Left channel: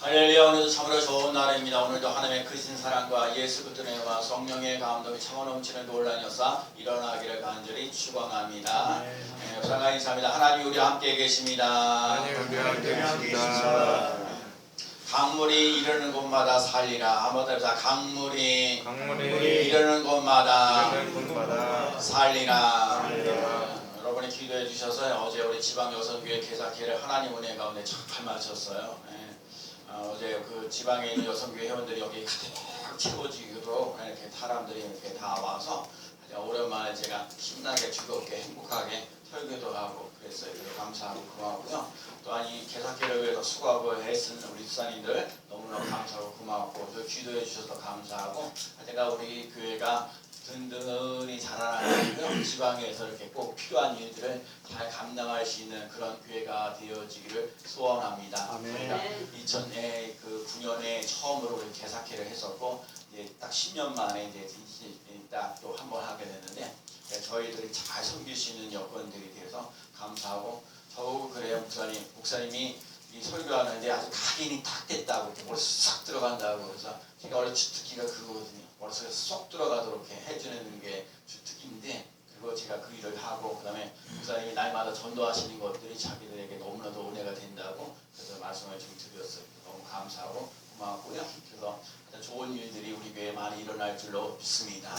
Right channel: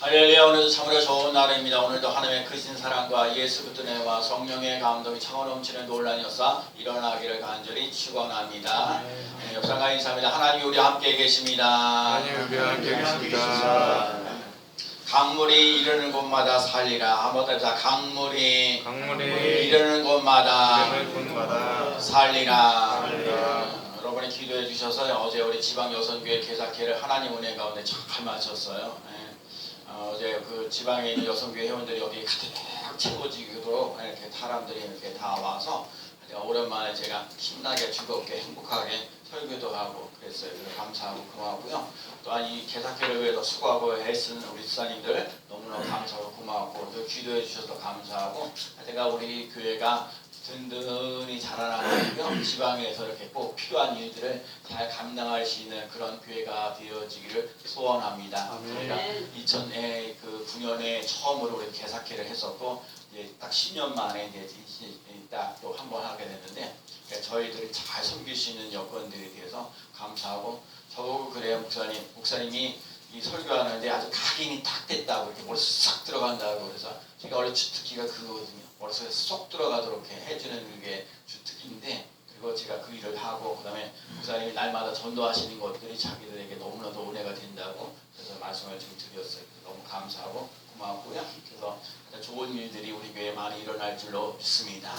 할렐루야. 오늘도 참으로 좋은 날입니다. 오늘도 하나님의 크신 사랑과 예수 그리스도의 은혜와 성령의 감동이 차고 넘치는 놀라운 역사 일어나기를 간절히 축원합니다. 역사가 인사합니다. 하나님 우리 함께 계십니다. 하나님 우리 함께 계십니다. 강물이 이르는 곳마다 살리라. 한번 더 강물이 강물이 이르는 곳마다 이르는 곳마다 살리라. 살리라. 여러분이 기도해 주셔서 어제 우리 지방 여성교회 개사회를 하나님 은혜 가운데 잘 마쳤어요. 어제 그 지방에 있는 여성교회 회원들이 여기 가득 채워지도록 이렇게 사람들이 이렇게 다 와서 오랜만에 제가 신나게 즐겁게 행복하게 설교도 하고 그랬어요. 그래서 감사하고 고마웠고요. 또한 이 개사회를 위해서 수고하고 애쓰는 우리 집사님들 너무너무 감사하고 고마웠고 또 기도해 주셔서 감사하고 제가 우리 교회가 든든히 자라나고요. 지방에서 이렇게 꼭 필요한 일들을 잘 감당할 수 있는 그런 교회가 되어지기를 소원합니다. 저희가 2009년에 처음으로 우리 개사회를 했었고 이제 딱 10년 만에 이제 딱 또 한 번 하게 됐는데 저희들이 잘 섬길 수 있는 여건들에 대해서 감사하고 저보고 그래요. 목사님이 이 설교하는데 아주 각인이 딱 됐다고 이렇게 머리 싹 들어간다고 그래서 제가 원래 주특기가 그거거든요. 머릿속에 쏙 들어가도록 해주는 게 주특기인데 그리고 제가 그 일을 하고 그 다음에 목사님이 날마다 전도하시는 것들이 자기들에게 너무나도 은혜가 된다고 그래서 말씀을 좀 드렸어요. 너무 감사하고 고맙고요. 그래서 좋은 일들이 우리 교회에 많이 일어날 줄로 믿습니다.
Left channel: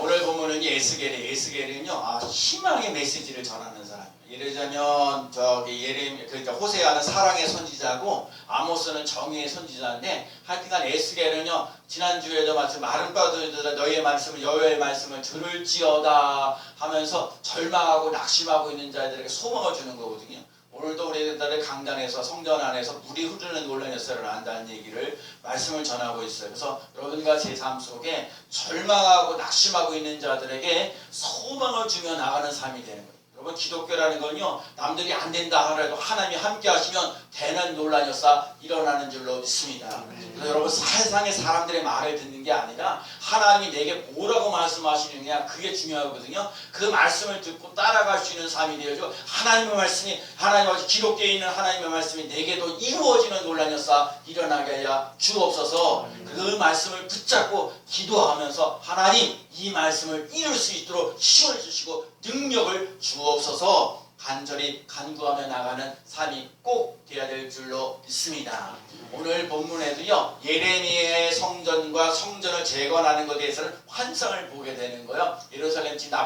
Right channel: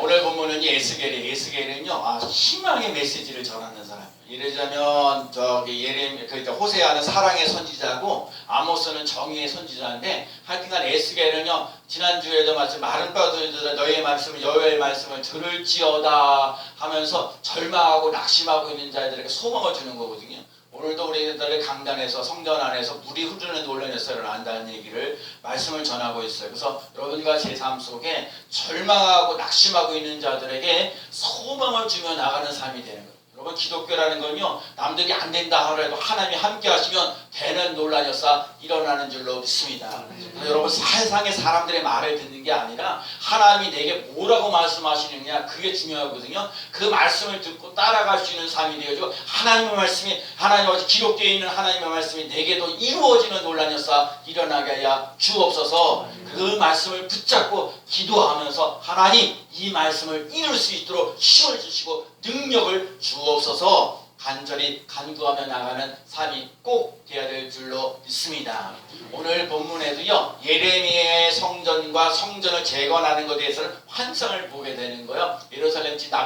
오늘 본문은 에스겔은요 희망의 메시지를 전하는 사람이에요. 예를 들자면 그러니까 호세아는 사랑의 선지자고 아모스는 정의의 선지자인데 하여튼간 에스겔은요 지난주에도 마침 마른 뼈들아 너희의 말씀을 여호와의 말씀을 들을지어다 하면서 절망하고 낙심하고 있는 자들에게 소망을 주는 거거든요. 오늘도 우리들의 강단에서 성전 안에서 물이 흐르는 놀라운 역사를 안다는 얘기를 말씀을 전하고 있어요. 그래서 여러분과 제 삶 속에 절망하고 낙심하고 있는 자들에게 소망을 주며 나가는 삶이 되는 거예요. 여러분 기독교라는 건요 남들이 안 된다 하더라도 하나님이 함께 하시면 되는 놀라운 역사 일어나는 줄로 믿습니다. 그래서 여러분 세상의 사람들의 말을 듣는 게 아니라 하나님이 내게 뭐라고 말씀하시느냐 그게 중요하거든요. 그 말씀을 듣고 따라갈 수 있는 삶이 되어지고 하나님의 말씀이 하나님 기록되어 있는 하나님의 말씀이 내게도 이루어지는 놀라운 역사 일어나게 하여 주옵소서. 그 말씀을 붙잡고 기도하면서 하나님 이 말씀을 이룰 수 있도록 힘을 주시고 능력을 주옵소서 간절히 간구하며 나가는 삶이 꼭 되어야 될 줄로 믿습니다. 오늘 본문에도요 예레미야의 성전과 성전을 재건하는 것에 대해서는 환상을 보게 되는 거예요. 예루살렘 지금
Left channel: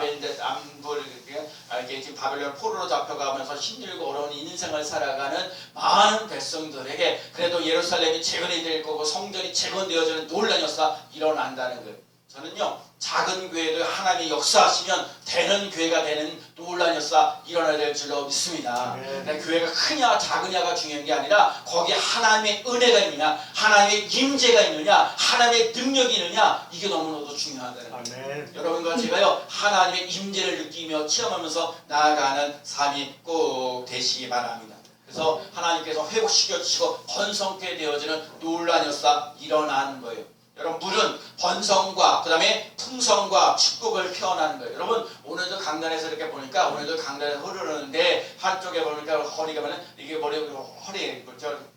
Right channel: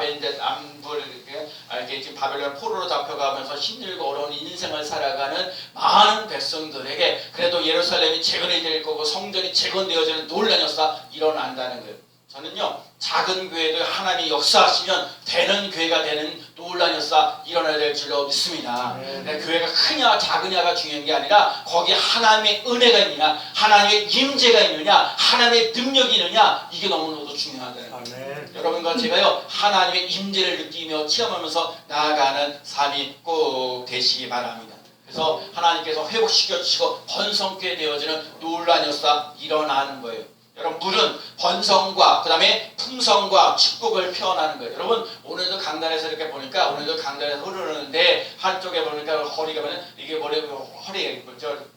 지금 바벨론 포로로 잡혀가면서 힘들고 어려운 인생을 살아가는 많은 백성들에게 그래도 예루살렘이 재건이 될 거고 성전이 재건되어지는 놀라운 역사 일어난다는 거예요. 저는요 작은 교회도 하나님이 역사하시면 되는 교회가 되는 놀라운 역사 일어나야 될 줄로 믿습니다. 교회가 크냐 작으냐가 중요한 게 아니라 거기에 하나님의 은혜가 있느냐 하나님의 임재가 있느냐 하나님의 능력이 있느냐 이게 너무나도 중요하다는 거예요. 여러분과 제가요 하나님의 임재를 느끼며 체험하면서 나아가는 삶이 꼭 되시기 바랍니다. 그래서 하나님께서 회복시켜 주시고 번성케 되어지는 놀라운 역사 일어나는 거예요. 여러분 물은 번성과 그 다음에 풍성과 축복을 표현하는 거예요. 여러분 오늘도 강단에서 이렇게 보니까 오늘도 강단에서 흐르는데 한쪽에 보니까 허리가 이게 허리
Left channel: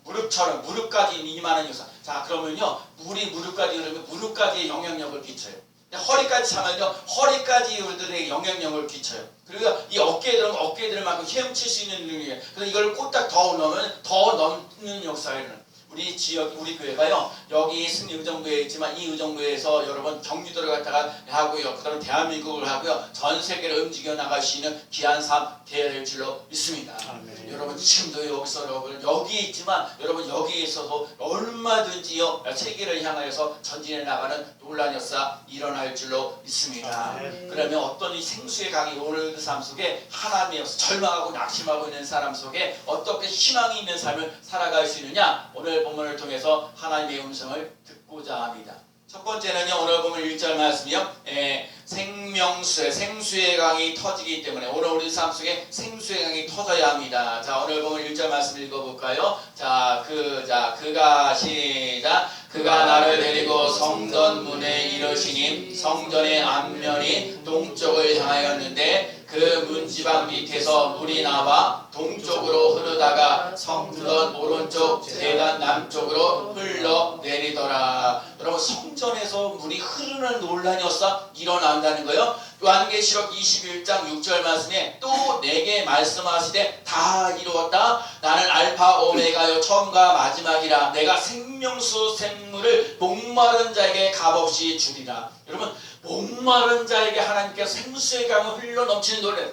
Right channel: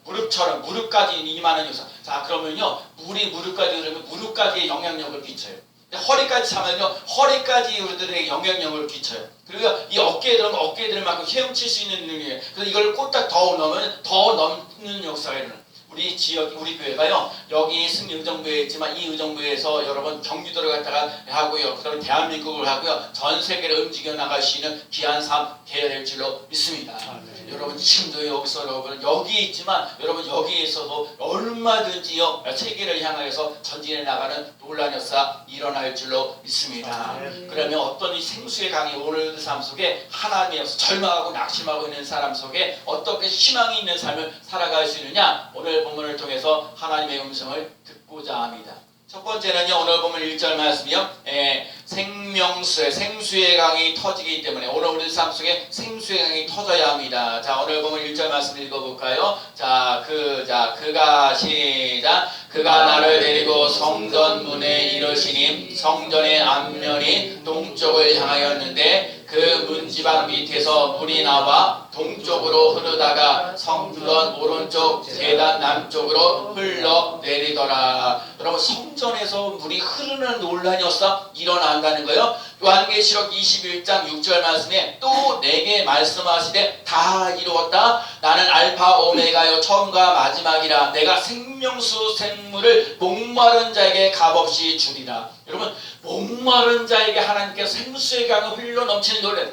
무릎처럼 무릎까지 임하는 역사. 자 그러면요 물이 무릎까지 흐르면 무릎까지의 영향력을 끼쳐요. 허리까지 참으면요 허리까지 우리들에게 영향력을 끼쳐요. 그리고 이 어깨에 들으면 어깨에 들을 만큼 헤엄칠 수 있는 능력이에요. 그래서 이걸 꼴딱 더 넣으면 더 넘는 역사가 일어나요. 우리 지역, 우리 교회가요, 여기 승리 의정부에 있지만 이 의정부에서 여러분 경기도를 갔다가 하고요, 그 다음에 대한민국을 하고요, 전 세계를 움직여 나갈 수 있는 귀한 삶 되어야 될 줄로 믿습니다. 여러분 지금도 여기서 여러분 여기 있지만 여러분 여기에서도 얼마든지요 세계를 향하여서 전진해 나가는 놀라운 역사 일어날 줄로 믿습니다. 그러면 어떤 이 생수의 강이 오늘의 삶 속에 하나님의 역사 절망하고 낙심하고 있는 사람 속에 어떻게 희망이 있는 삶을 살아갈 수 있느냐 오늘 본문을 통해서 하나님의 음성을 듣고자 합니다. 첫 번째는요 오늘 보면 1절 말씀이요 생수의 강이 터지기 때문에 오늘 우리 삶 속에 생수의 강이 터져야 합니다. 자 오늘 보면 1절 말씀 읽어볼까요? 그가 시작 그가 나를 데리고 성전 문에 이르시니 성전의 앞면이 동쪽을 향하였는데 그 문지방 밑에서 물이 나와 동쪽으로 흐르다가 성전 오른쪽 제단 남쪽으로 흘러내리더라. 여러분 성전에서 물이 흐르는 논란이었어 일어난다는 거예요. 요한계시록 21장 6절 말씀에 또 내게 말씀하시되 다 이루었다. 나는 알파 오메가요 처음과 마지막이라. 내가 생명수 샘물을 목마른 자에게 값없이 주리라. 여러분 목마른 자에게 하나님께서 생수의 강을 흘러 넘치는 노래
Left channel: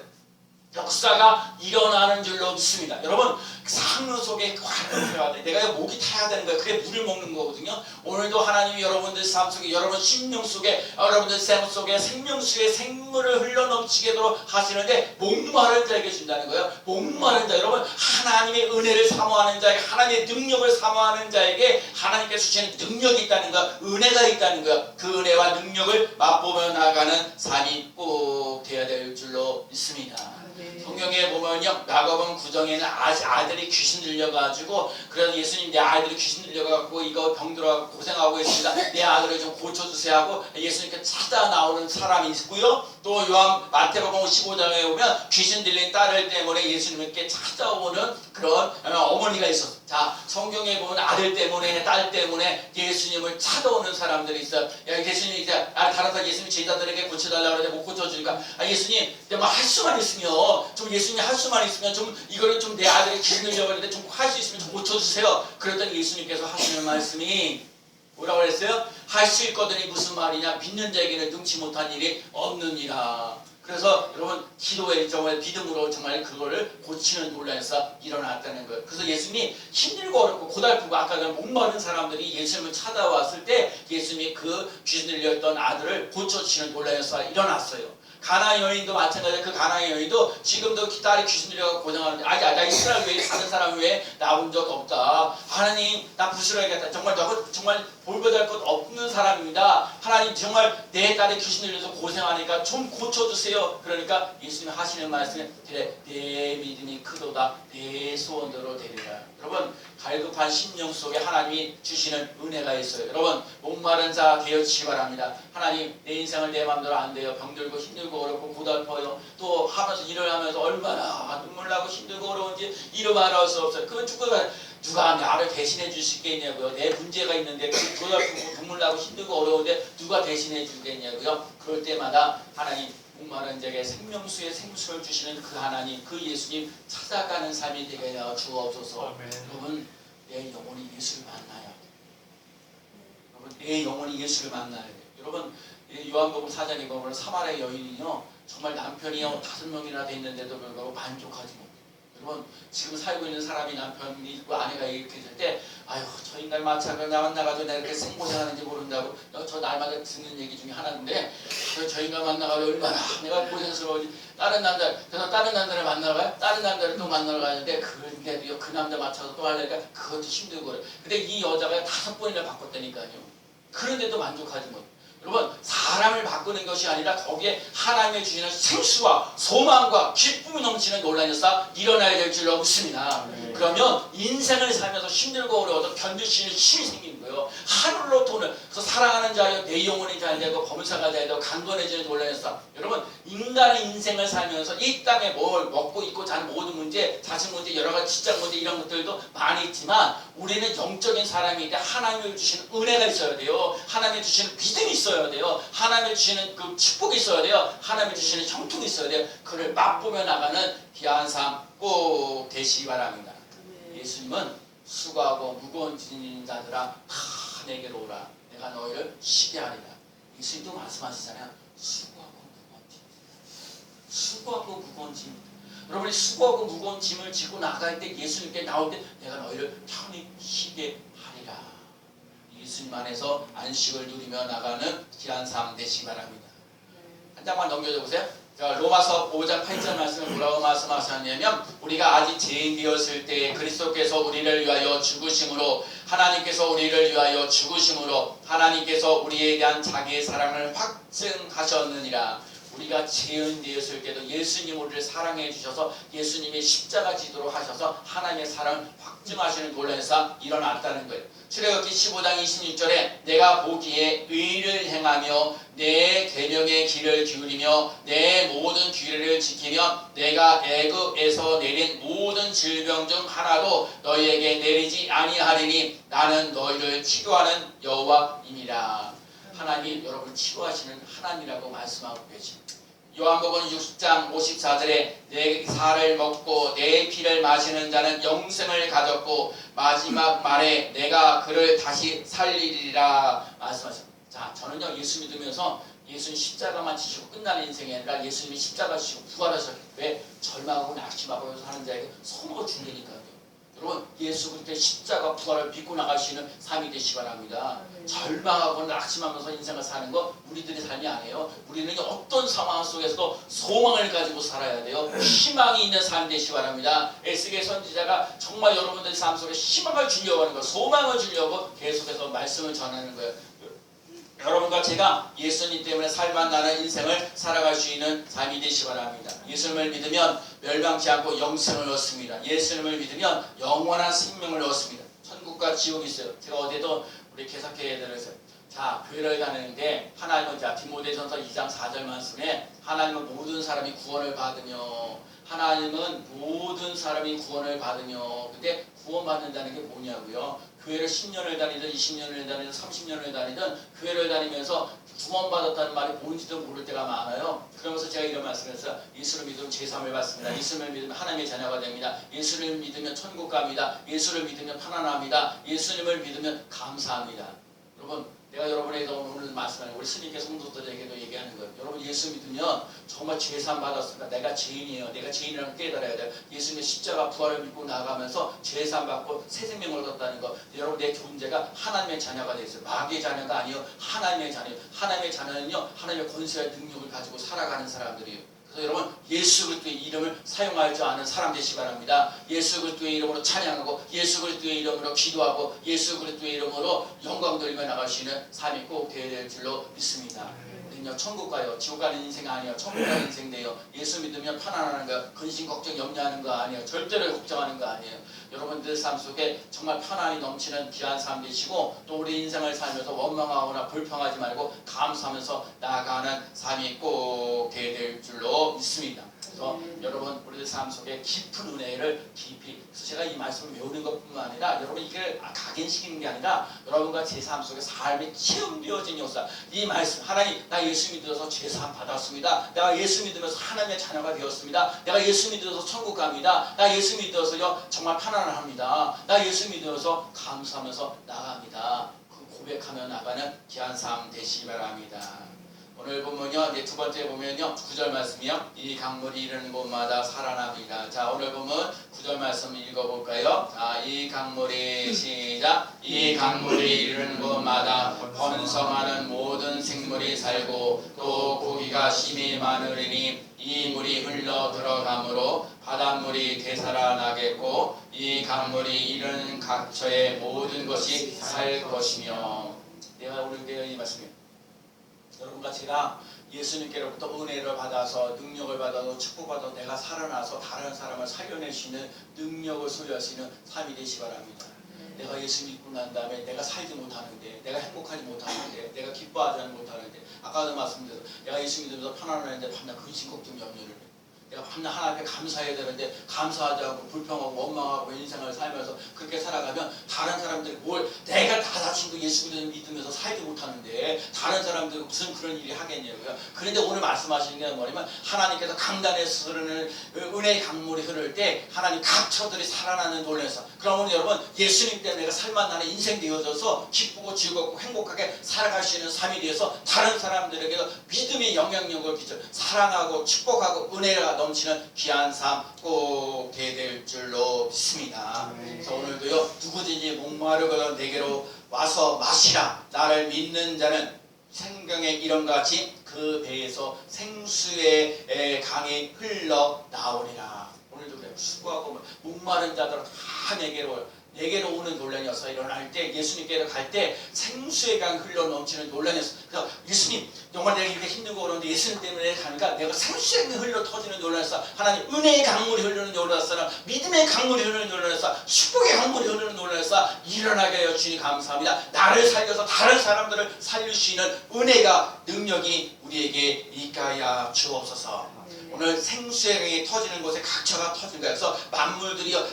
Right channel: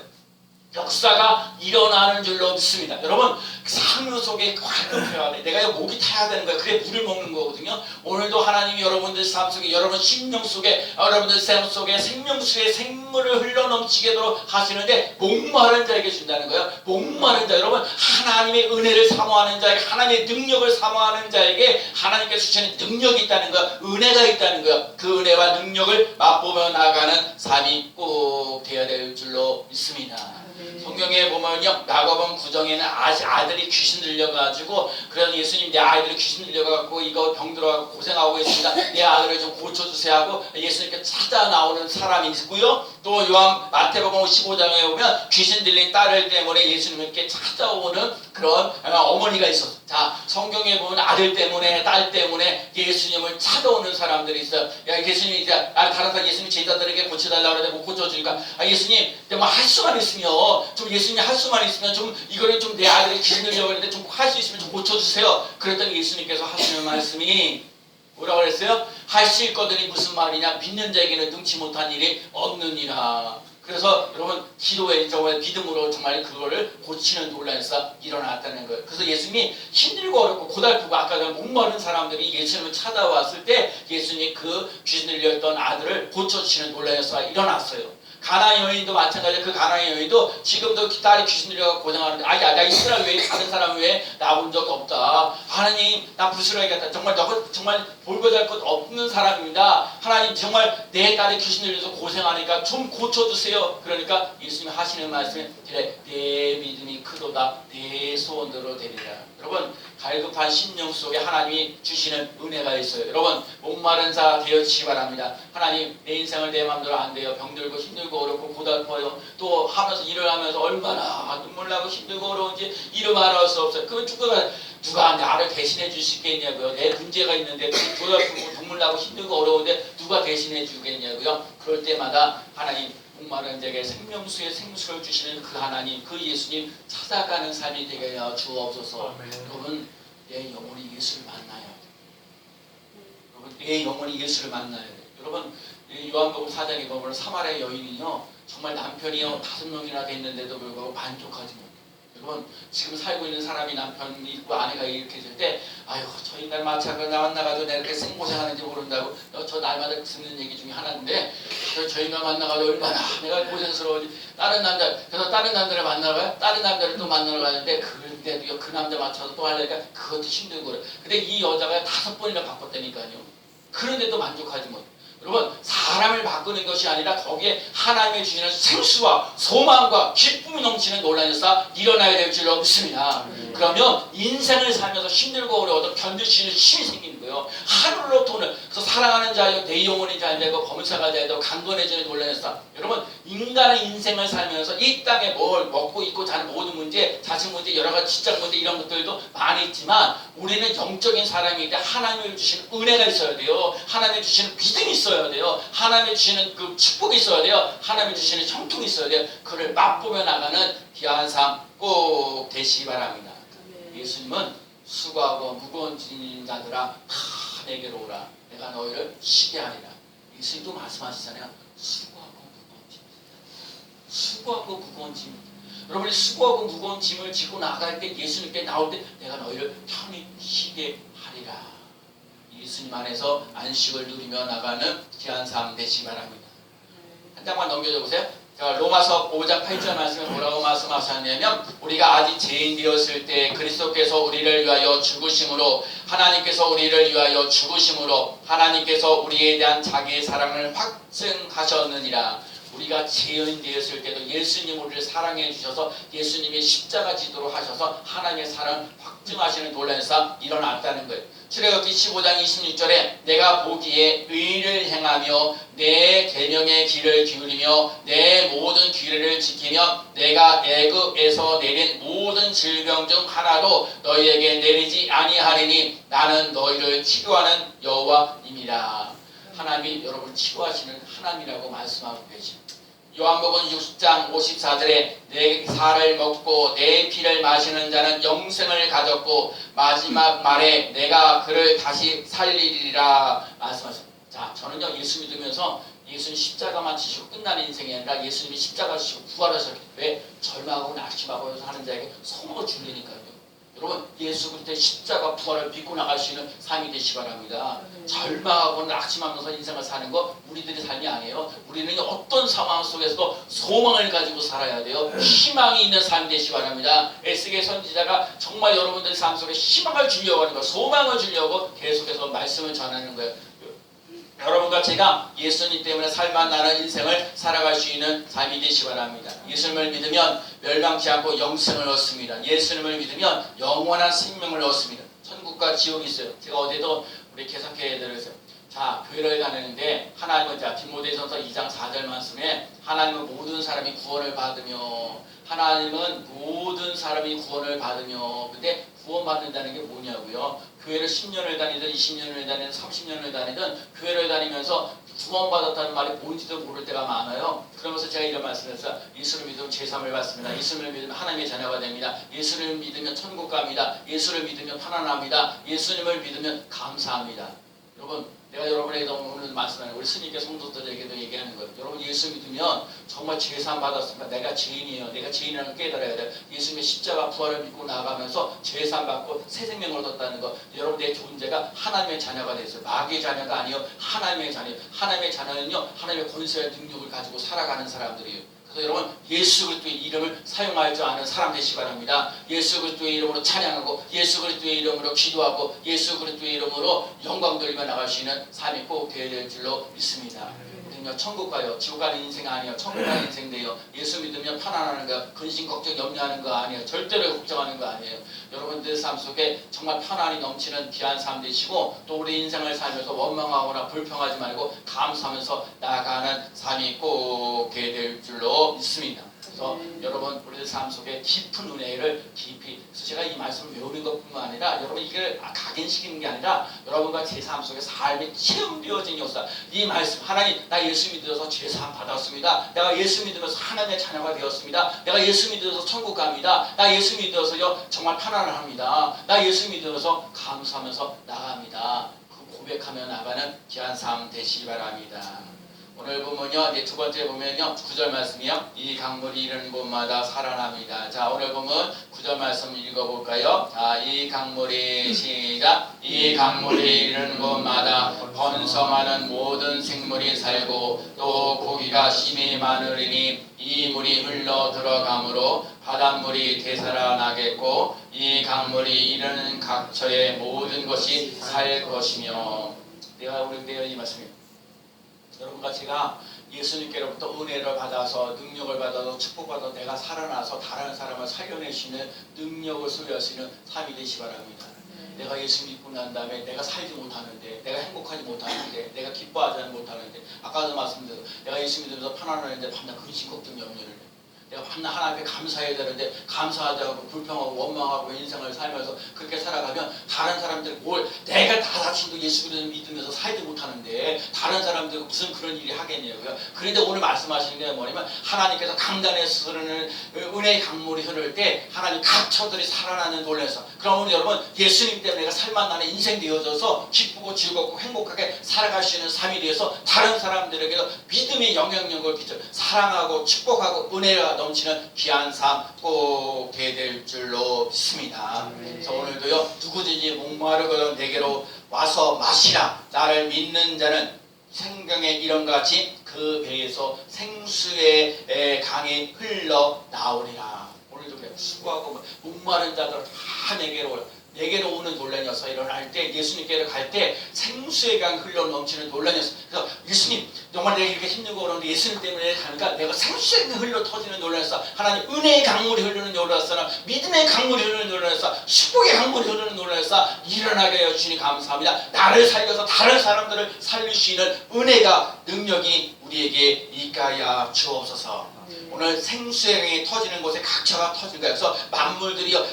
역사가 일어나는 줄로 믿습니다. 여러분 상류 속에 활동해야 돼. 내가 목이 타야 되는 거야. 그게 물을 먹는 거거든요. 오늘도 하나님이 여러분들 삶 속에 여러분 심령 속에 여러분들 삶 속에 생명수의 생물을 흘러 넘치게도록 하시는데 목마른 자에게 준다는 거예요. 목마른 자 여러분 하나님의 은혜를 사모하는 자에게 하나님의 능력을 사모하는 자에게 하나님께서 주시는 능력이 있다는 거야. 은혜가 있다는 거야. 그 은혜와 능력을 맛보며 나가는 삶이 꼭 되어야 될 줄로 믿습니다. 성경에 보면요 야고보서 9장에는 아들이 귀신 들려가지고 그래서 예수님 내 아이들이 귀신 들려가지고 이거 병들어가지고 고생하고 있습니다. 내 아들을 좀 고쳐주세요 하고 예수님께 찾아 나오는 사람이 있고요. 또 요한 마태복음 15장에 보면 귀신 들린 딸을 때문에 예수님께 찾아오는 그런 어머니가 있었어요. 자 성경에 보면 아들 때문에 딸 때문에 예수님을 찾아오는 사람들이 있어요. 야, 예수님이 이제 다른 사람 예수님 제자들에게 고쳐달라고 하는데 못 고쳐주니까 예수님 뭐 할 수만 있으면 좀 예수님이 할 수만 있으면 좀 이거를 좀 내 아들이 귀신 들려고 했는데 좀 할 수 있으면 좀 고쳐주세요. 그랬더니 예수님께서 하시는 말씀이 뭐라고 그랬어요? 할 수 있거든이 무슨 말이냐? 믿는 자에게는 능치 못한 일이 없느니라. 그래서 여러분 기도에 정말 믿음으로 정말 그거를 고치는 논란에서 일어났다는 거예요. 그래서 예수님이 힘들고 어렵고 고달프고 아까 목마른 사람들이 예수님을 찾아왔을 때 예수님이 그 귀신 들렸던 아들을 고쳐주시는 논란에서 일어났어요. 가나안 여인도 마찬가지로 그 가나안 여인도 지금도 딸이 귀신 들려서 고생하는데 나 이스라엘 외에 다른 사람 외에 나온 적 없다. 하나님 나 부스러야겠다. 정말 볼거잘 것 없는 사람입니다. 하나님 정말 내 딸이 귀신 들려서 고생하니까 좀 고쳐주세요. 그러니까 예수님이 하시는 말씀은 그래 내 믿음이 크도다 내 소원대로 되리라. 여러분 갈급한 심령 속에 하나님이 주시는 은혜가 있어요. 여러분 목마른 자 되어지기 바랍니다. 하나님 내 인생을 내 마음대로 안 돼요. 병들고 힘들고 어렵고 고달퍼요. 또 하면서 일을 하면서 얼마나 눈물 나고 힘들고 어려운지 이루 말할 수 없어요. 그건 누가 나를 대신해 주시겠냐고요. 내 문제가 있는데 고달프고 눈물 나고 힘들고 어려운데 누가 대신해 주겠냐고요. 그럴 때마다 하나님 목마른 자에게 생명수의 생수를 주시는 그 하나님 그 예수님 찾아가는 삶이 되게 하여 주옵소서. 여러분 내 영혼이 예수를 만나야 돼. 여러분 내 영혼이 예수를 만나야 돼. 여러분 요한복음 4장에 보면 사마리아 여인이요 정말 남편이 5명이나 됐는데도 불구하고 만족하지 못해. 여러분 지금 살고 있는 사람이 남편이 있고 아내가 이렇게 될 때 아유 저 인간 마찬가지로 나 만나가지고 내가 이렇게 생고생하는지 모른다고 저 날마다 듣는 얘기 중에 하나인데 저 인간 만나가지고 얼마나 내가 고생스러운지 다른 남자를 만나러 가요. 다른 남자를 또 만나러 가는데 그런데도 그 남자 맞춰서 또 하려니까 그것도 힘들고 그래. 근데 이 여자가 5번이나 바꿨다니까요. 그런데도 만족하지 못해. 여러분 사람을 바꾸는 것이 아니라 거기에 하나님의 주시는 생수와 소망과 기쁨이 넘치는 논란에서 일어나야 될 줄로 믿습니다. 그러면 인생을 살면서 힘들고 어려워도 견딜 수 있는 힘이 생기는 거예요. 하늘로 돈을 그래서 사랑하는 자여 내 영혼이 잘 되고 범사가 잘 되고 강건해지는 논란에서 여러분 인간의 인생을 살면서 이 땅에 뭘 먹고 입고 자는 모든 문제 자식 문제 여러 가지 직장 문제 이런 것들도 많이 있지만 우리는 영적인 사람이기 때문에 하나님이 주시는 은혜가 있어야 돼요. 하나님이 주시는 믿음이 있어야 돼요. 하나님이 주시는 그 축복이 있어야 돼요. 하나님이 주시는 형통이 있어야 돼요. 그를 맛보며 나가는 귀한 삶 꼭 되시기 바랍니다. 예수님은 수고하고 무거운 짐진 자들아 다 내게로 오라. 내가 너희를 쉬게 하리라. 예수님도 말씀하시잖아요. 수고하고 무거운 짐. 여러분이 수고하고 무거운 짐을 지고 나갈 때 예수님께 나올 때 내가 너희를 편히 쉬게 하리라. 예수님 안에서 안식을 누리며 나가는 귀한 삶 되시기 바랍니다. 한 장만 넘겨줘 보세요. 로마서 5장 8절 말씀에 뭐라고 말씀하셨냐면 우리가 아직 죄인 되었을 때 그리스도께서 우리를 위하여 죽으심으로 하나님께서 우리를 위하여 죽으심으로 하나님께서 우리에 대한 자기의 사랑을 확증하셨느니라. 우리가 죄인되었을 때도 예수님 우리를 사랑해 주셔서 예수님이 십자가 지도로 하셔서 하나님의 사랑을 확증하시는 놀라운 사 일어났다는 거예요. 출애굽기 15장 26절에 내가 보기에 의를 행하며 내 계명의 길을 기울이며 내 모든 규례를 지키며 내가 애굽에서 내린 모든 질병 중 하나도 너희에게 내리지 아니하리니 나는 너희를 치료하는 여호와임이라. 하나님이 여러분을 치료하시는 하나님이라고 말씀하고 계십니다. 요한복음 6장 54절에 내 살을 먹고 내 피를 마시는 자는 영생을 가졌고 마지막 말에 내가 그를 다시 살리리라 말씀하십니다. 자, 저는요 예수 믿으면서 예수님 십자가만 지시고 끝나는 인생이 아니라 예수님이 십자가 지시고 부활하셨기 때문에 절망하고 낙심하고 하는 자에게 선물로 준다니까요. 여러분 예수 그리스도의 십자가 부활을 믿고 나갈 수 있는 삶이 되시기 바랍니다. 절망하고 낙심하면서 인생을 사는 거 우리들의 삶이 아니에요. 우리는 어떤 상황 속에서도 소망을 가지고 살아야 돼요. 희망이 있는 삶이 되시기 바랍니다. 에스겔 선지자가 정말 여러분들의 삶 속에 희망을 주려고 하는 거, 소망을 주려고 계속해서 말씀을 전하는 거예요. 여러분과 제가 예수님 때문에 살만 나는 인생을 살아갈 수 있는 삶이 되시기 바랍니다. 예수님을 믿으면 멸망치 않고 영생을 얻습니다. 예수님을 믿으면 영원한 생명을 얻습니다. 천국과 지옥이 있어요. 제가 어제도 우리 개석회에 있어요. 자, 교회를 다니는데 하나님은 자 디모데전서 2장 4절 말씀에 하나님은 모든 사람이 구원을 받으며 하나님은 모든 사람이 구원을 받으며 근데 구원받는다는 게 뭐냐고요? 교회를 10년을 다니든 20년을 다니든 30년을 다니든 교회를 다니면서 구원받았다는 말이 뭔지도 모를 때가 많아요. 그러면서 제가 이런 말씀을 했어요. 예수를 믿으면 제3을 받습니다. 예수를 믿으면 하나님의 자녀가 됩니다. 예수를 믿으면 천국 갑니다. 예수를 믿으면 편안합니다. 예수님을 믿으면 감사합니다. 여러분 내가 여러분에게 오늘 말씀하는 우리 스님께 성도들에게도 얘기하는 거예요. 여러분 예수 믿으면 정말 죄산 받았습니다. 내가 죄인이에요. 내가 죄인이라는 걸 깨달아야 돼요. 예수님의 십자가 부활을 믿고 나가면서 죄산 받고 새 생명을 얻었다는 거. 여러분 내 존재가 하나님의 자녀가 되어 있어요. 마귀의 자녀가 아니요 하나님의 자녀예요. 하나님의 자녀는요 하나님의 권세와 능력을 가지고 살아가는 사람들이에요. 그래서 여러분 예수 그리스도의 이름을 사용할 줄 아는 사람 되시기 바랍니다. 예수 그리스도의 이름으로 찬양하고 예수 그리스도의 이름으로 기도하고 예수 그리스도의 이름으로 영광 돌리며 나갈 수 있는 삶이 꼭 되어야 될 줄로 믿습니다. 우리는요 천국 가요. 지옥 가는 인생 아니에요. 천국 가는 인생 돼요. 예수 믿으면 편안하는 거, 근심 걱정 염려하는 거 아니에요. 절대로 걱정하는 거 아니에요. 여러분들 삶 속에 정말 편안이 넘치는 귀한 삶 되시고 또 우리 인생을 살면서 원망하거나 불평하지 말고 감사하면서 나아가는 삶이 꼭 되어야 될 줄로 믿습니다. 그래서 여러분 우리들 삶 속에 깊은 은혜를 깊이 그래서 제가 이 말씀을 외우는 것뿐만 아니라 여러분 이걸 각인시키는 게 아니라 여러분과 제 삶 속에 삶이 체험되어진 역사 이 말씀 하나님 나 예수 믿어서 죄사함 받았습니다. 내가 예수 믿으면서 하나님의 자녀가 되었습니다. 내가 예수 믿어서 천국 갑니다. 나 예수 믿어서요 정말 편안합니다. 나 예수 믿어서 감사하면서 나갑니다. 그 고백하며 나가는 귀한 삶 되시기 바랍니다. 오늘 보면요, 이제 두 번째 보면요, 9절 말씀이요. 이 강물이 이르는 곳마다 살아납니다. 자, 오늘 보면 9절 말씀 읽어볼까요? 자, 이 강물이 시작. 이 강물이 이르는 곳마다 번성하는 모든 생물이 살고 또 고기가 심히 많으리니 이 물이 흘러 들어가므로 바닷물이 되살아나겠고 이 강물이 이르는 각처의 모든 것이 살 것이며 내가 오늘 이 말씀입니다. 여러분과 제가 예수님께로부터 은혜를 받아서 능력을 받아서 축복받아 내가 살아나서 다른 사람을 살려낼 수 있는 능력을 소유할 수 있는 삶이 되시기 바랍니다. 내가 예수 믿고 난 다음에 내가 살지 못하는데 내가 행복하지 못하는데 내가 기뻐하지 못하는데 아까도 말씀드렸죠. 내가 예수 믿으면서 편안한데 밤낮 근심 걱정 염려를 내가 밤낮 하나님께 감사해야 되는데 감사하지 않고 불평하고 원망하고 인생을 살면서 그렇게 살아가면 다른 사람들이 뭘 내가 다 다친도 예수 믿으면서 살지 못하는데 다른 사람들이 무슨 그런 일이 하겠냐고요. 그런데 오늘 말씀하시는 게 뭐냐면 하나님께서 강단에서 흐르는 은혜의 강물이 흐를 때 하나님 각처들이 살아나는 놀라서 그러면 여러분 예수님 때문에 내가 살만 나는 인생 되어져서 기쁘고 즐겁고 행복하게 살아갈 수 있는 삶이 되어서 다른 사람들에게도 믿음의 영향력을 끼쳐 사랑하고 축복하고 은혜가 넘치는 귀한 삶 꼭 되어야 될 줄로 믿습니다. 그래서 오늘도요 누구든지 목마르거든 내게로 와서 마시라. 나를 믿는 자는 성경의 이름과 같이 그 배에서 생수의 강이 흘러 나오리라. 오늘도 그래 수고하고 목마른 자들 다 내게로 내게로 오는 논란이었어. 일어날 때 예수님께로 갈 때 생수의 강 흘러 넘치는 논란이었어. 그래서 예수님 정말 내가 이렇게 힘들고 그러는데 예수님 때문에 가니까 내가 생수의 강 흘러 터지는 논란이었어. 하나님 은혜의 강물이 흐르는 논란이었어. 믿음의 강물이 흐르는 논란이었어. 축복의 강물이 흐르는 논란이었어. 일어나게 하여 주니 감사합니다. 나를 살려서 다른 사람들을 살릴 수 있는 은혜가 능력이 우리에게 있가야 주옵소서. 오늘 생수의 강이 터지는 곳에 각처가 터지는 거예요. 그래서 만물들이요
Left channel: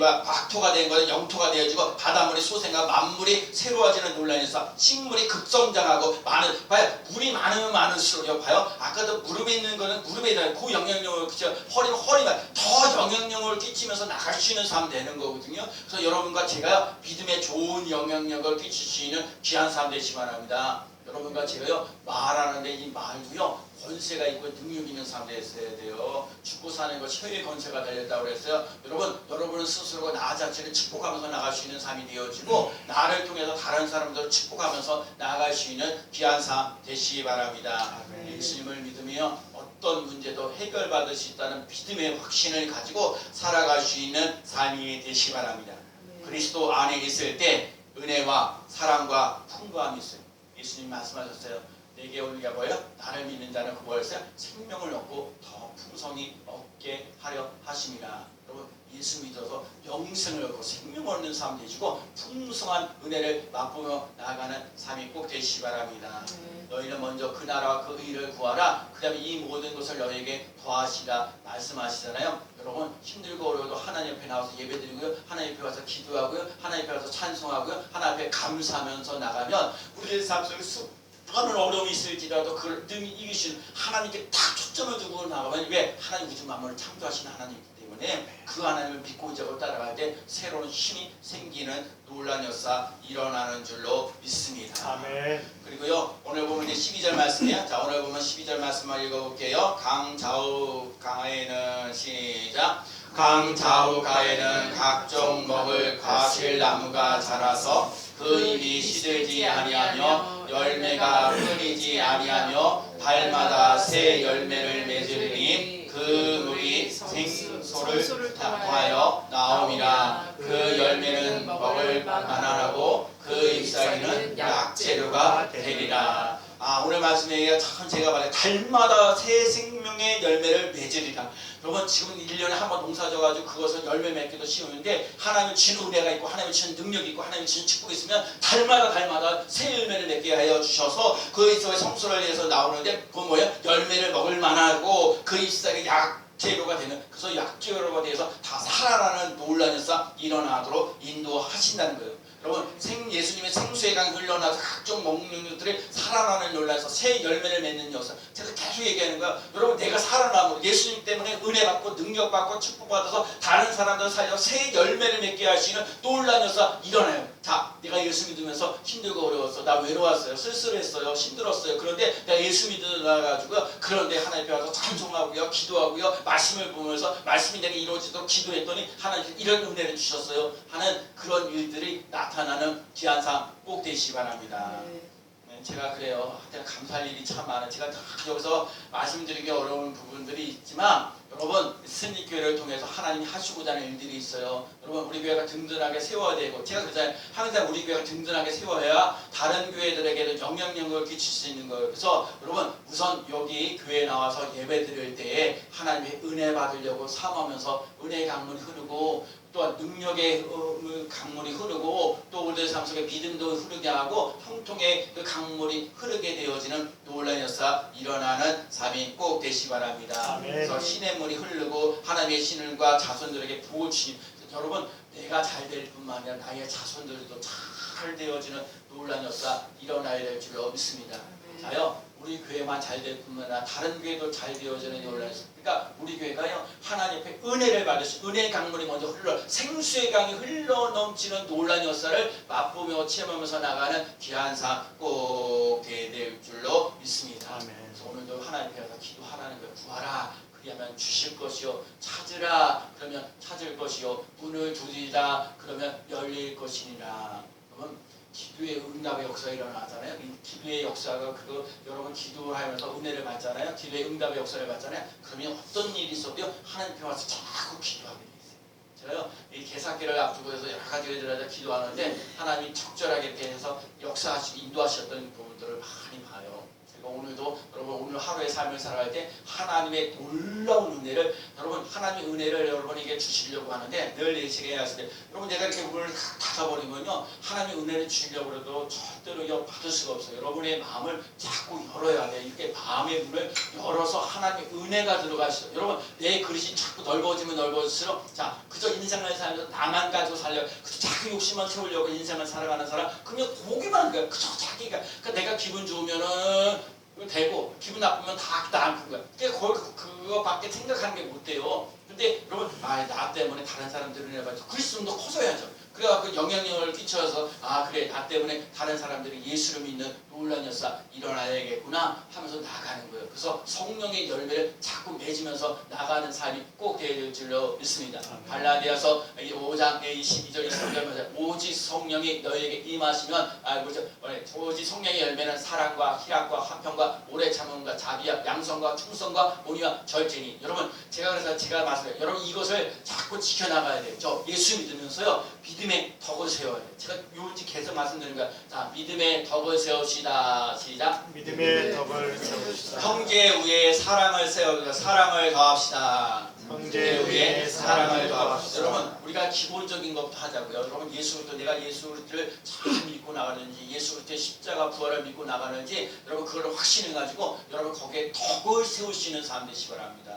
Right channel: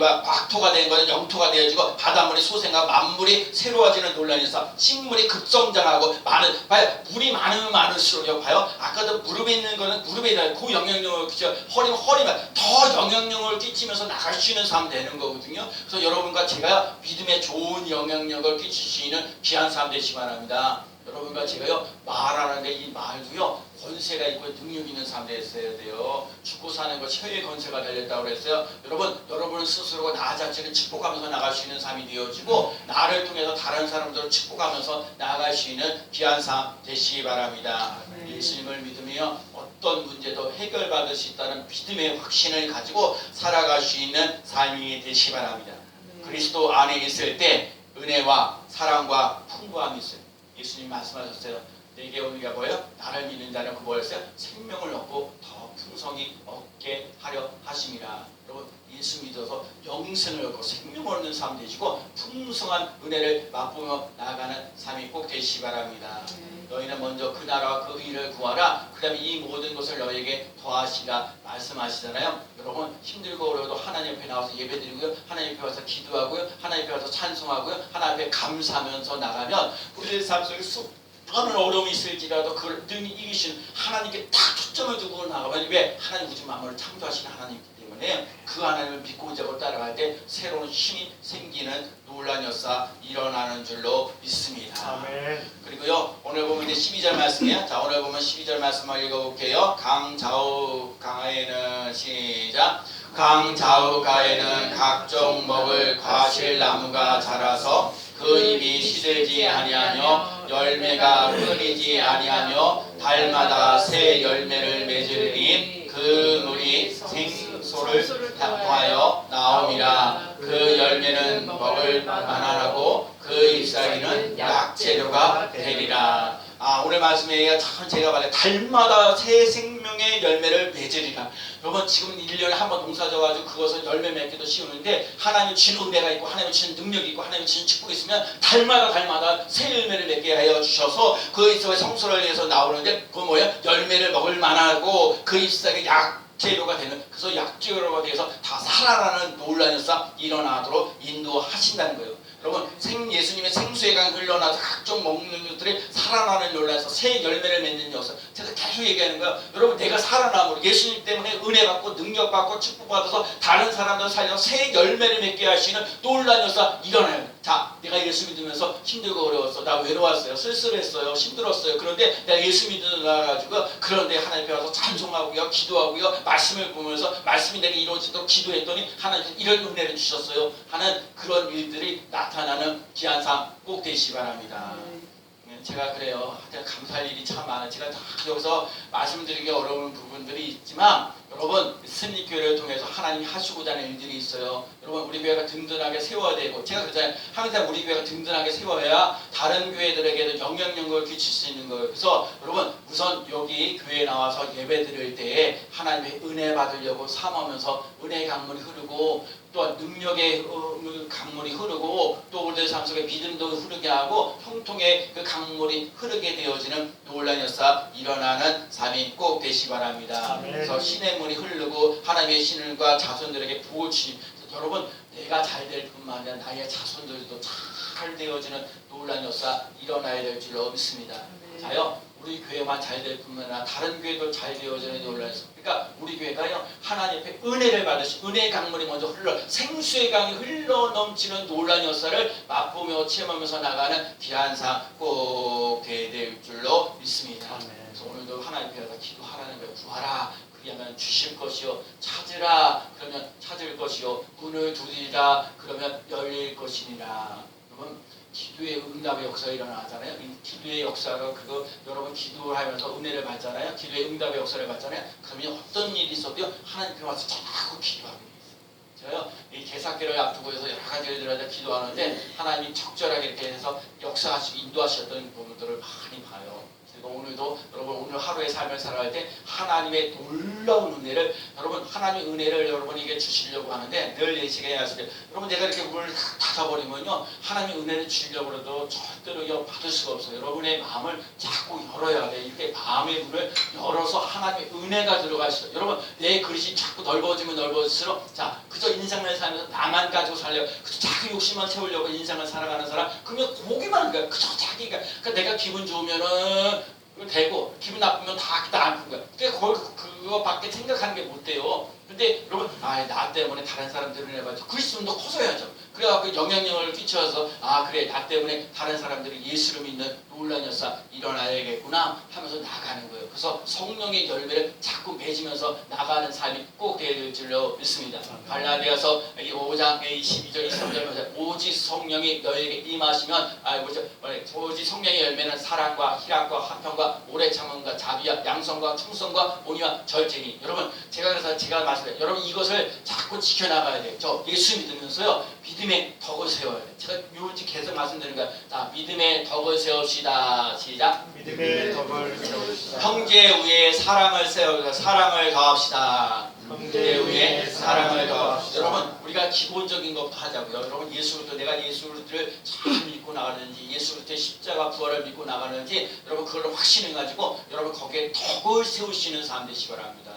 막 박토가 되는 것은 영토가 되어지고 바닷물이 솟아가 만물이 새로워지는 논란이 있어. 식물이 급성장하고 봐요. 물이 많으면 많을수록 봐요. 아까도 무릎에 있는 거는 무릎에 대한 고영향력을 끼쳐 허리만 더 영향력을 끼치면서 나갈 수 있는 사람 되는 거거든요. 그래서 여러분과 제가 믿음에 좋은 영향력을 끼칠 수 있는 귀한 사람 되시기 바랍니다. 여러분과 제가요 말하는데 이 말도요 권세가 있고 능력 있는 사람 되어야 돼요. 죽고 사는 것 혀의 권세가 달렸다고 그랬어요. 여러분 스스로 나 자체를 축복하면서 나갈 수 있는 삶이 되어지고 나를 통해서 다른 사람들을 축복하면서 나아갈 수 있는 귀한 삶 되시기 바랍니다. 예수님을 믿으며 어떤 문제도 해결받을 수 있다는 믿음의 확신을 가지고 살아갈 수 있는 삶이 되시기 바랍니다. 그리스도 안에 있을 때 은혜와 사랑과 풍부함이 있어요. 예수님 말씀하셨어요. 내게 오는 게 뭐예요? 나를 믿는 자는 그 뭐였어요? 생명을 얻고 더 풍성히 얻게 하려 하심이라. 여러분 예수 믿어서 영생을 얻고 생명을 얻는 삶 되시고 풍성한 은혜를 맛보며 나아가는 삶이 꼭 되시기 바랍니다. 너희는 먼저 그 나라와 그 의를 구하라. 그 다음에 이 모든 것을 너희에게 더하시라 말씀하시잖아요. 여러분 힘들고 어려워도 하나님 앞에 나와서 예배드리고요. 하나님 앞에 와서 기도하고요. 하나님 앞에 와서 찬송하고요. 하나님 앞에 감사하면서 나가면 우리의 삶 속에 수많은 어려움이 있을지라도 그걸 능히 이기신 하나님께 딱 초점을 두고 나가면 왜? 하나님 우주 만물을 창조하신 하나님이기 때문에 그 하나님을 믿고 자고 따라갈 때 새로운 힘이 생기는 놀란 역사 일어나는 줄로 믿습니다. 아멘. 그리고요 오늘 보면 이제 12절 말씀이에요. 자 오늘 보면 12절 말씀을 읽어볼게요. 강좌우 강에는 시작. 강좌우 가에는 각종 먹을 과실나무가 자라서 그 잎이 시들지 아니하며 열매가 끊이지 아니하며 달마다 새 열매를 맺으리니 그 물이 생소를 통하여 나옴이라. 그 열매는 먹을 만하고 그 잎사귀는 약재료가 되리라. 오늘 말씀에 참 제가 말해 달마다 새 생명의 열매를 맺으리라. 여러분 지금 1년에 한 번 농사 져가지고 그것을 열매 맺기도 쉬운데 하나님의 주는 은혜가 있고 하나님의 주는 능력이 있고 하나님의 주는 축복이 있으면 달마다 새 열매를 맺게 하여 주셔서 그 잎사귀 성소를 위해서 나오는데 그 뭐예요? 열매를 먹을 만하고 그 잎사귀 약재료가 되는 그래서 약재료가 돼서 다 살아나는 놀라운 역사 일어나도록 인도하신다는 거예요. 여러분 예수님의 생수의 강 흘러나서 각종 먹는 것들이 살아나는 논란에서 새 열매를 맺는 역사 제가 계속 얘기하는 거예요. 여러분 내가 살아남으로 예수님 때문에 은혜 받고 능력 받고 축복 받아서 다른 사람들 살려서 새 열매를 맺게 할 수 있는 놀란 역사 일어나요. 자 내가 예수 믿으면서 힘들고 어려웠어. 나 외로웠어요. 쓸쓸했어요. 힘들었어요. 그런데 내가 예수 믿어가지고 그런데 하나님 앞에 와서 찬송하고요. 기도하고요. 말씀을 보면서 말씀이 내게 이루어지도록 기도했더니 하나님 이런 은혜를 주셨어요 하는 그런 일들이 나타나는 귀한 삶 꼭 되시기 바랍니다. 제가 그래요. 감사할 일이 참 많아요. 제가 다 여기서 말씀드리기 어려운 부분들이 있지만 여러분 승리교회를 통해서 하나님이 하시고자 하는 일들이 있어요. 여러분 우리 교회가 든든하게 세워야 되고 제가 그러잖아요. 항상 우리 교회가 든든하게 세워야 다른 교회들에게도 영향력을 끼칠 수 있는 거예요. 그래서 여러분 우선 여기 교회에 나와서 예배 드릴 때에 하나님의 은혜 받으려고 삼으면서 은혜의 강물이 흐르고 또한 능력의 강물이 흐르고 또 우리들 삶 속에 믿음도 흐르게 하고 형통의 그 강물이 흐르게 되어지는 놀라운 역사 일어나는 삶이 꼭 되시기 바랍니다. 그래서 신의 물이 흐르고 하나님의 신과 자손들에게 복을 주니 여러분 내가 잘 될 뿐만 아니라 나의 자손들도 잘 되어지는 놀라운 역사 일어나야 될 줄로 믿습니다. 자요 우리 교회만 잘 될 뿐만 아니라 다른 교회도 잘 되어지는 놀라운 역사. 그러니까 우리 교회가요 하나님 앞에 은혜를 받으시 은혜의 강물이 먼저 흘러 생수의 강이 흘러 넘치는 놀라운 역사를 맛보며 체험하면서 나가는 귀한 삶 꼭 되어야 될 줄로 믿습니다. 그래서 오늘도 하나님 앞에 가서 기도하라는 거예요. 구하라 그리하면 주실 것이요 찾으라 그러면 찾을 것이요 문을 두드리라 그러면 열릴 것이니라. 여러분 기도의 응답의 역사가 일어나잖아요. 이 기도의 역사가 그거 여러분 기도를 하면서 은혜를 받잖아요. 기도의 응답의 역사를 받잖아요. 그러면 어떤 일이 있어도 하나님 앞에 와서 자꾸 기도하고 있어요. 저요 이 개사교를 앞두고 해서 여러 가지 일들을 기도하는데 하나님이 적절하게 이렇게 해서 역사하시고 인도하셨던 부분들을 많이 봐요. 그리고 오늘도 여러분 오늘 하루의 삶을 살아갈 때 하나님의 놀라운 은혜를 여러분 하나님의 은혜를 여러분에게 주시려고 하는데 늘 예시가 하시되 여러분 내가 이렇게 문을 닫아버리면요 하나님의 은혜를 주시려고 해도 절대로 이거 받을 수가 없어요. 여러분의 마음을 자꾸 열어야 돼요. 이렇게 마음의 문을 열어서 하나님의 은혜가 들어가시죠. 여러분 내 그릇이 자꾸 넓어지면 넓어질수록 자 그저 인생을 살면서 나만 가지고 살려고 그저 자꾸 욕심만 채우려고 인생을 살아가는 사람 그러면 고기만 거야. 그저 자기가 그러니까 내가 기분 좋으면은 되고 기분 나쁘면 다 아픈 거야. 그거밖에 생각하는 게 못 돼요. 근데 여러분 나 때문에 다른 사람들은 해봐도 그리스도도 커져야죠. 그래갖고 영향력을 끼쳐서 그래 나 때문에 다른 사람들이 예수를 믿는 놀라운 역사 일어나야겠구나 하면서 나가는 거예요. 그래서 성령의 열매를 자꾸 맺으면서 나가는 삶이 꼭 되어질 줄로 믿습니다. 갈라디아서 5장 12절 23절 오직 성령이 너에게 임하시면 오직 성령의 열매는 사랑과 희락과 화평과 오래 참음과 자비와 양성과 충성과 온유와 절제니 여러분 제가 말씀드려요. 여러분 이것을 자꾸 지켜나가야 돼요. 저 예수 믿으면서요 믿음의 덕을 세워야 돼요. 제가 요즘 계속 말씀드리는 거예요. 자 믿음의 덕을 세웁시다. 시작. 믿음의 덕을 세우시다. 형제 위에 사랑을 세우자. 사랑을 더합시다. 형제 위에 사랑을 더합시다. 여러분 우리가 기본적인 것부터 하자고요. 여러분 예수부터 내가 예수를 잘 믿고 나가는지 예수부터 십자가 부활을 믿고 나가는지 여러분 그걸 확신해가지고 여러분 거기에 덕을 세우시는 사람 되시기 바랍니다.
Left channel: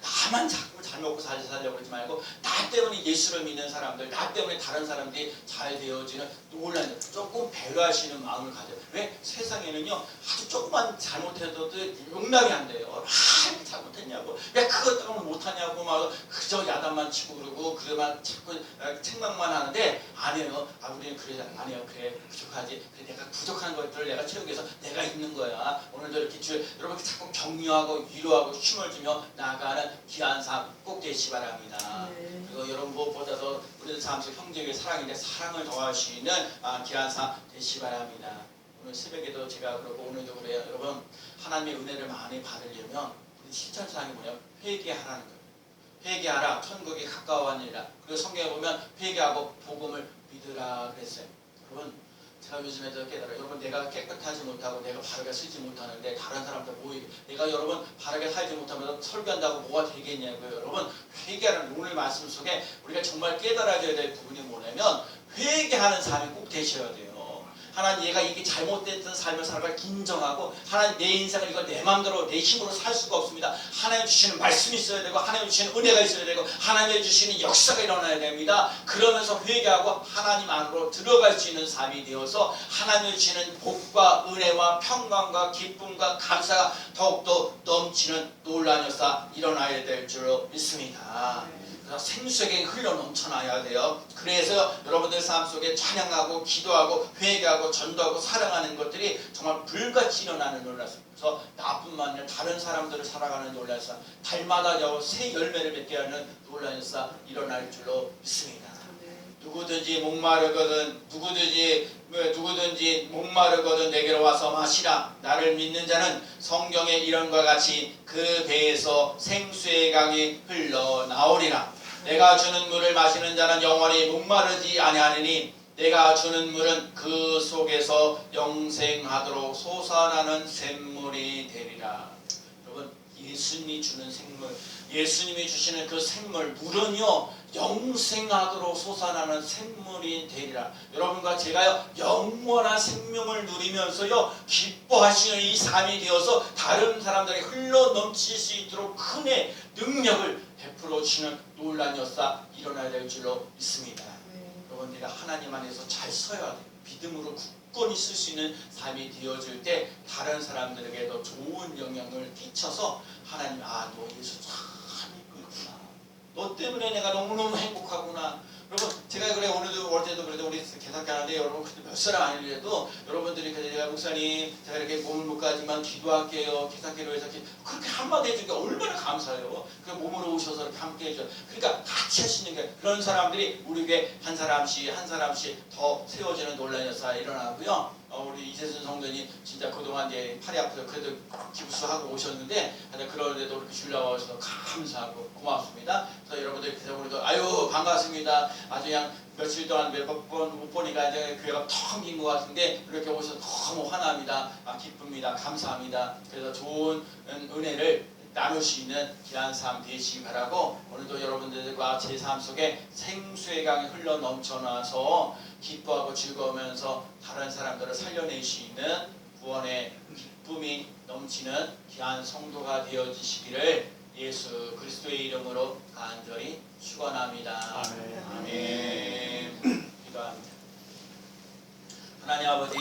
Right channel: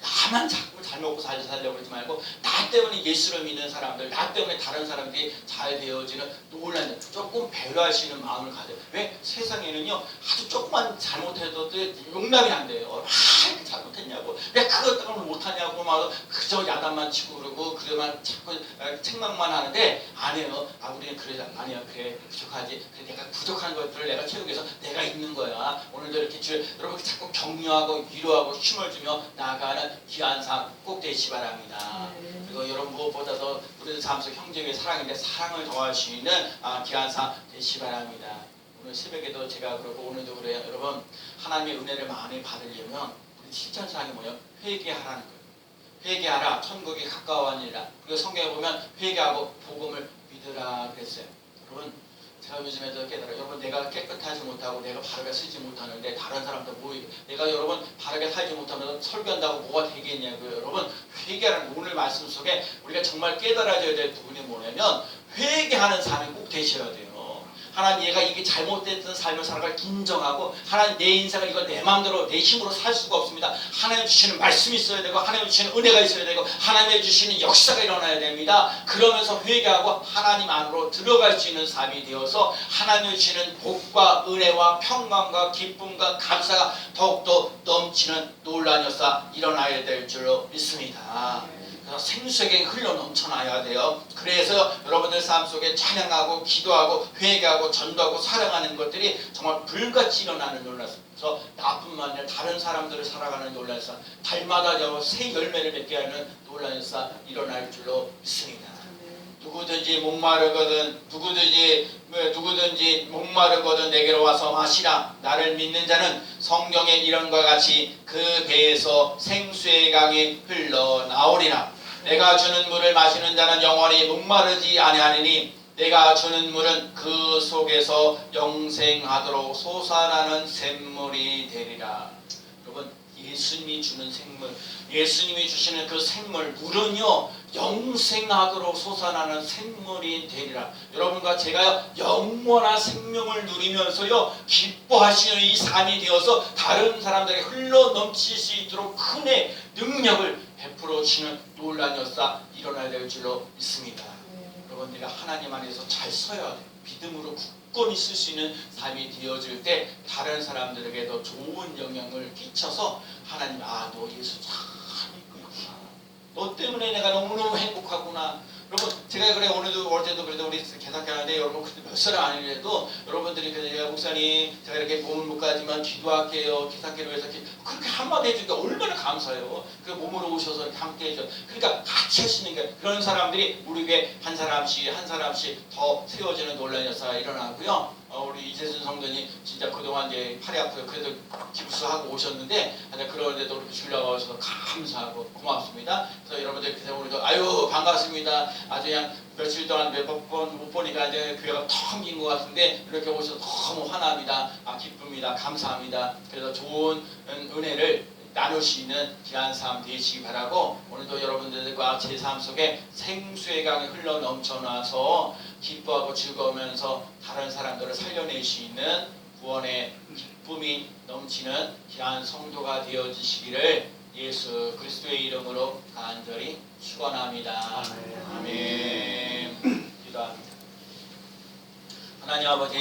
나만 자꾸 잘 먹고 살려고 그러지 말고 나 때문에 예수를 믿는 사람들 나 때문에 다른 사람들이 잘 되어지는 놀라는 조금 배려하시는 마음을 가져요. 왜? 세상에는요 아주 조금만 잘못해도 용납이 안 돼요. 이렇게 잘못했냐고 왜 그것 때문에 못하냐고 막 그저 야단만 치고 그러고 그래만 자꾸 책망만 하는데 아니에요. 우리는 그러지 아니야. 그래 부족하지. 그래 내가 부족한 것들을 내가 채우기 위해서 내가 있는 거야. 오늘도 이렇게 여러분 자꾸 격려하고 위로하고 힘을 주며 나아가는 귀한 삶 꼭 되시기 바랍니다. 그리고 여러분 무엇보다도 우리들 삶 속 형제 위에 사랑인데 사랑을 더하시는 귀한 삶 되시기 바랍니다. 오늘 새벽에도 제가 그러고 오늘도 그래요. 여러분 하나님의 은혜를 많이 받으려면 우리 실천사항이 뭐예요? 회개하라는 거예요. 회개하라 천국이 가까워하니라. 그리고 성경에 보면 회개하고 복음을 믿으라 그랬어요. 여러분 제가 요즘에도 깨달아요. 여러분 내가 깨끗하지 못하고 내가 바르게 쓰지 못하는데 다른 사람들 내가 여러분 바르게 살지 못하면 설교한다고 뭐가 되겠냐고요. 여러분 회개하는 오늘 말씀 속에 우리가 정말 깨달아져야 될 부분이 뭐냐면 회개하는 삶이 꼭 되셔야 돼요. 하나님 얘가 이게 잘못됐던 삶을 살아갈 인정하고 하나님 내 인생을 이거 내 마음대로 내 힘으로 살 수가 없습니다. 하나님 주시는 말씀이 있어야 되고 하나님 주시는 은혜가 있어야 되고 하나님 주시는 역사가 일어나야 됩니다. 그러면서 회개하고 하나님 안으로 들어갈 수 있는 삶이 되어서 하나님 주시는 복과 은혜와 평강과 기쁨과 감사가 더욱더 넘치는 놀라운 역사 일어나야 될 줄로 믿습니다. 생수에게 흘러 넘쳐나야 돼요. 그래서 여러분들 삶 속에 찬양하고 기도하고 회개하고 전도하고 사랑하는 것들이 정말 불같이 일어나는 놀라서 나뿐만 아니라 다른 사람들을 살아가는 놀라서 달마다 새 열매를 맺게 하는 놀라운 역사 일어날 줄로 믿습니다. 누구든지 목마르거든 내게로 와서 마시라. 나를 믿는 자는 성경의 이름과 같이 그 배에서 생수의 강이 흘러나오리라. 내가 주는 물을 마시는 자는 영원히 목마르지 아니하리니 내가 주는 물은 그 속에서 영생하도록 솟아나는 샘물이 되리라. 여러분 예수님이 주는 생물 예수님이 주시는 그 샘물 물은요 영생하도록 솟아나는 샘물이 되리라. 여러분과 제가 영원한 생명을 누리면서요 기뻐하시는 이 삶이 되어서 다른 사람들에게 흘러 넘칠 수 있도록 큰의 능력을 베풀어 주는 놀라운 역사 일어나야 될 줄로 믿습니다. 여러분 내가 하나님 안에서 잘 서야 돼. 믿음으로 굳건히 쓸 수 있는 삶이 되어질 때 다른 사람들에게도 좋은 영향을 끼쳐서 하나님 너 예수 참 믿고 있구나. 너 때문에 내가 너무너무 행복하구나. 여러분 제가 그래 오늘도 어제도 그래도 우리 계산기 하는데 여러분 몇 사람 아니래도 여러분들이 제가 목사님 제가 이렇게 몸을 못 가지만 기도할게요. 계산기로 해서 그렇게 한마디 해주니까 얼마나 감사해요. 그 몸으로 오셔서 이렇게 함께 해줘. 그러니까 같이 할 수 있는 게 그런 사람들이 우리에게 한 사람씩 더 세워지는 놀라운 역사가 일어나고요. 우리 이재순 성도님 진짜 그동안 이제 팔이 아파서 그래도 기부수하고 오셨는데 그런데도 이렇게 주려고 하셔서 감사하고 고맙습니다. 그래서 여러분들 그래서 우리도 아유 반갑습니다. 아주 그냥 며칠 동안 몇 번 못 보니까 이제 교회가 텅 빈 것 같은데 이렇게 오셔서 너무 환합니다. 기쁩니다. 감사합니다. 그래서 좋은 은혜를 나눌 수 있는 귀한 삶 되시기 바라고 오늘도 여러분들과 제 삶 속에 생수의 강이 흘러 넘쳐나서 기뻐하고 즐거우면서 다른 사람들을 살려낼 수 있는 구원의 기쁨이 넘치는 귀한 성도가 되어주시기를 예수 그리스도의 이름으로 간절히 축원합니다. 아멘. 아멘. 기도합니다. 하나님 아버지